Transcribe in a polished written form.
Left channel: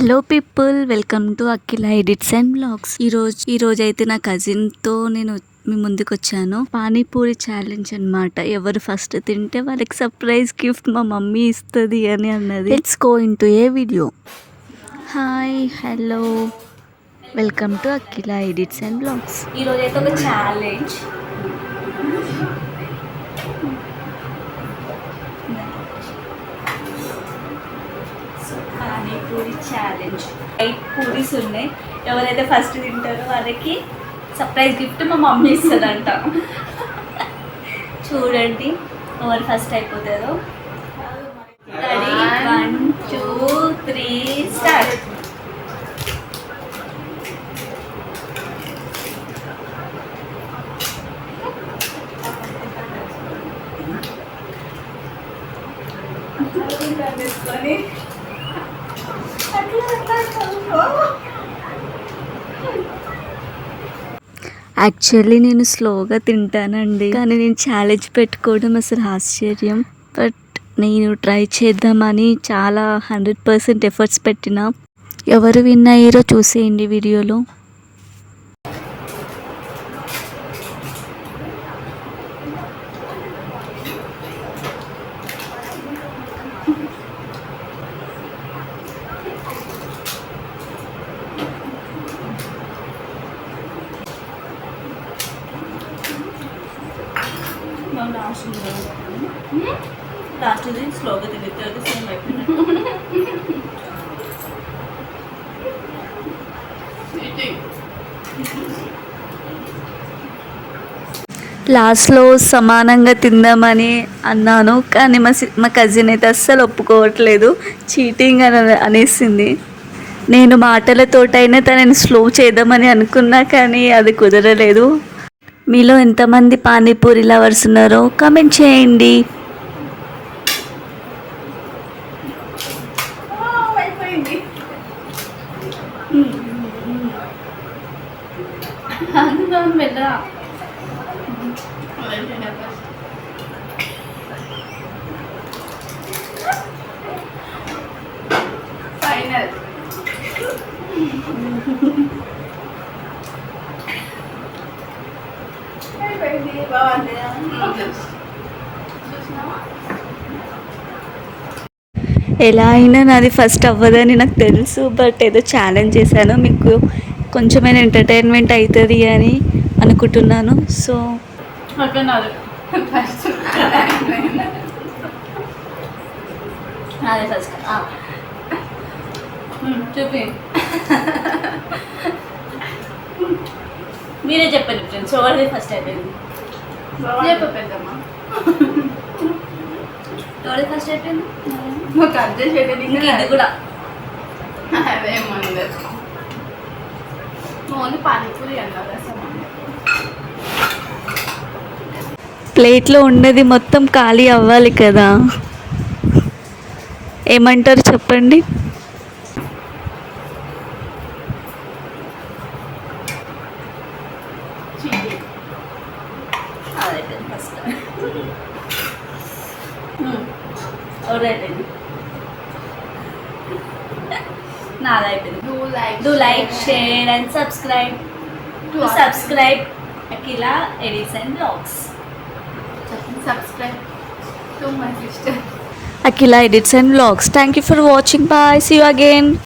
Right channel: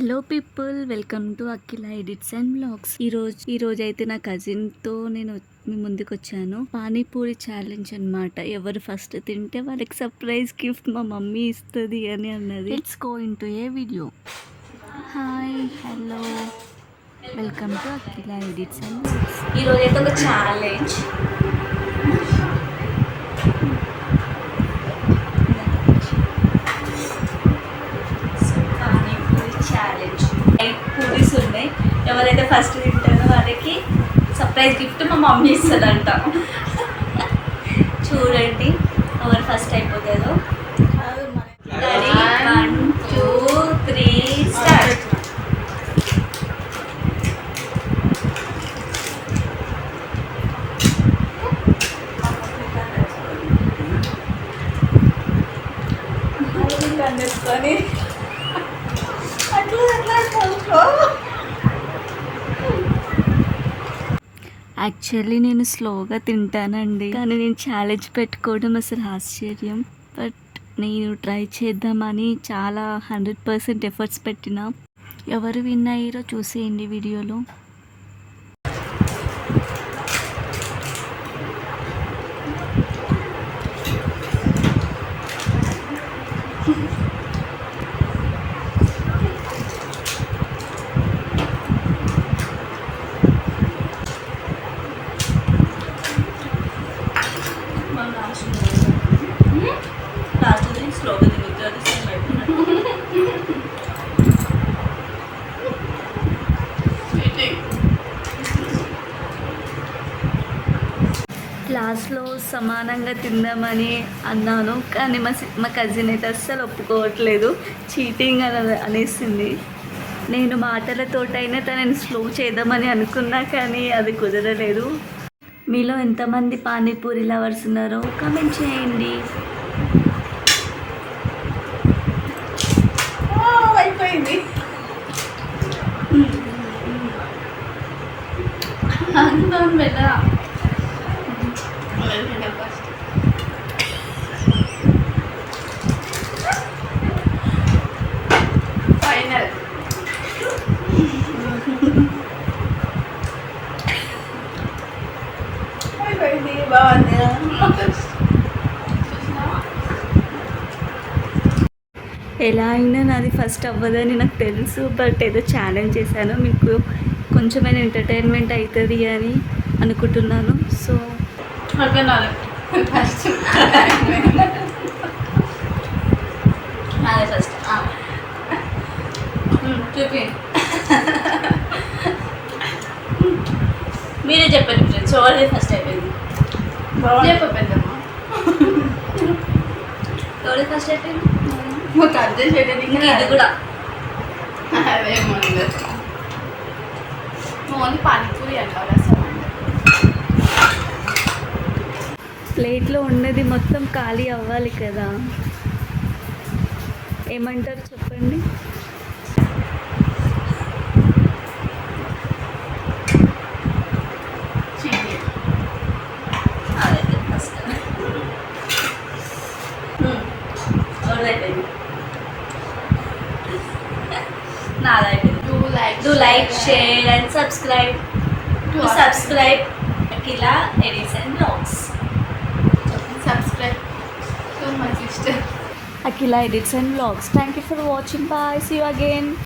Hello people, welcome to Akhila edits and blogs. ఈరోజు అయితే నా కజిన్తో నేను మీ ముందుకు వచ్చాను. పానీపూరి ఛాలెంజ్ అన్నమాట. ఎవరు ఫస్ట్ తింటే వాళ్ళకి సర్ప్రైజ్ గిఫ్ట్ మా మమ్మీ ఇస్తుంది అని అన్నది. Let's go into a video. Hi, hello, welcome to Akhila edits and blogs. ఈరోజు అయితే ఒక ఛాలెంజ్. ఛాలెంజ్ 8 పూరీస్ ఉన్నాయి. ఎవరైతే ఫస్ట్ తింటారో వాళ్ళకి సర్ప్రైజ్ గిఫ్ట్ మా మమ్మీ ఇస్తుందంట. చూడండి ఎవరు ఫస్ట్ అయిపోతుందో. 1 2 3 స్టార్ట్. తీసుకొని యాక్చువల్లీ నేను స్లోగా తింటానండి, కానీ నేను ఛాలెంజ్ పెట్టుకోవడం అసలు ఆశ్చర్యం. బట్ నేను ట్రై చేద్దామని చాలా 100% ఎఫర్ట్స్ పెట్టిన. ఎవరు విన్ అయ్యారో చూసేయండి వీడియోలో. రాత్రి స్లోగా తిరుగుతుంది. సేమ్ లాస్ట్లో సమానంగా తిందామని అన్నాను, కానీ మా కజిన్ అయితే అస్సలు ఒప్పుకోవట్లేదు. చీటింగ్ అని అనేసింది. నేను మాటలతోటైనా తనని స్లో చేద్దామని అనుకున్నా, కానీ అది కుదరలేదు. మీలో ఎంతమంది పానీపూరి లవర్స్ ఉన్నారో కామెంట్ చేయండి. ఫైనల్ ఎలా అయినా నాది ఫస్ట్ అవ్వదని నాకు తెలుసు. బట్ ఏదో ఛాలెంజ్ చేశాను, మీకు కొంచెమైనా ఎంటర్టైన్మెంట్ అవుతుంది అని అనుకుంటున్నాను. సో అదే ఫస్ట్ చూపి మీరే చెప్పండి ఫ్రెండ్స్, ఎవరిది ఫస్ట్ అయిపోయింది చెప్పేద్దామా? ఎవరిది ఫస్ట్ అయిపోయింది? మాకు అడ్జస్ట్ చేయలేదు ఇంకా ఇది కూడా. అదేమో ఓన్లీ పానీపూరి అంటారు. ప్లేట్లో ఉన్నది మొత్తం ఖాళీ అవ్వాలి కదా, ఏమంటారు చెప్పండి? అదైతే first ఎవరైపోయింది? నాదైపోయింది. Do like, share and subscribe Akhila Edits and Vlogs. Subscribe to my sister Akhila Edits and Vlogs. Thank you for watching. Bye. See you again.